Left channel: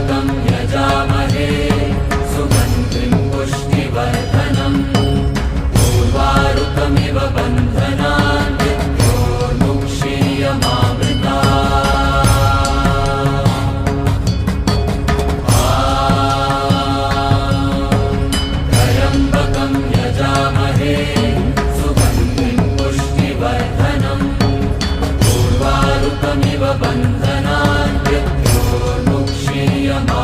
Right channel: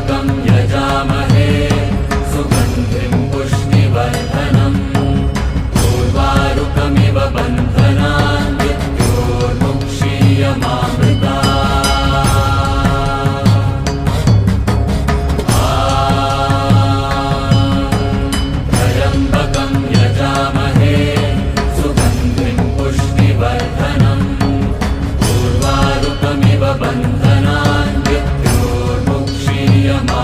यजामहे सुगन्धिं पुष्टिवर्धनम् उर्वारुकमिव बन्धनान् मृत्योर्मुक्षीयमामृतात् त्र्यम्बकं यजामहे सुगन्धिं पुष्टिवर्धनम् उर्वारुकमिव बन्धनान् मृत्योर्मुक्षीयमामृतात्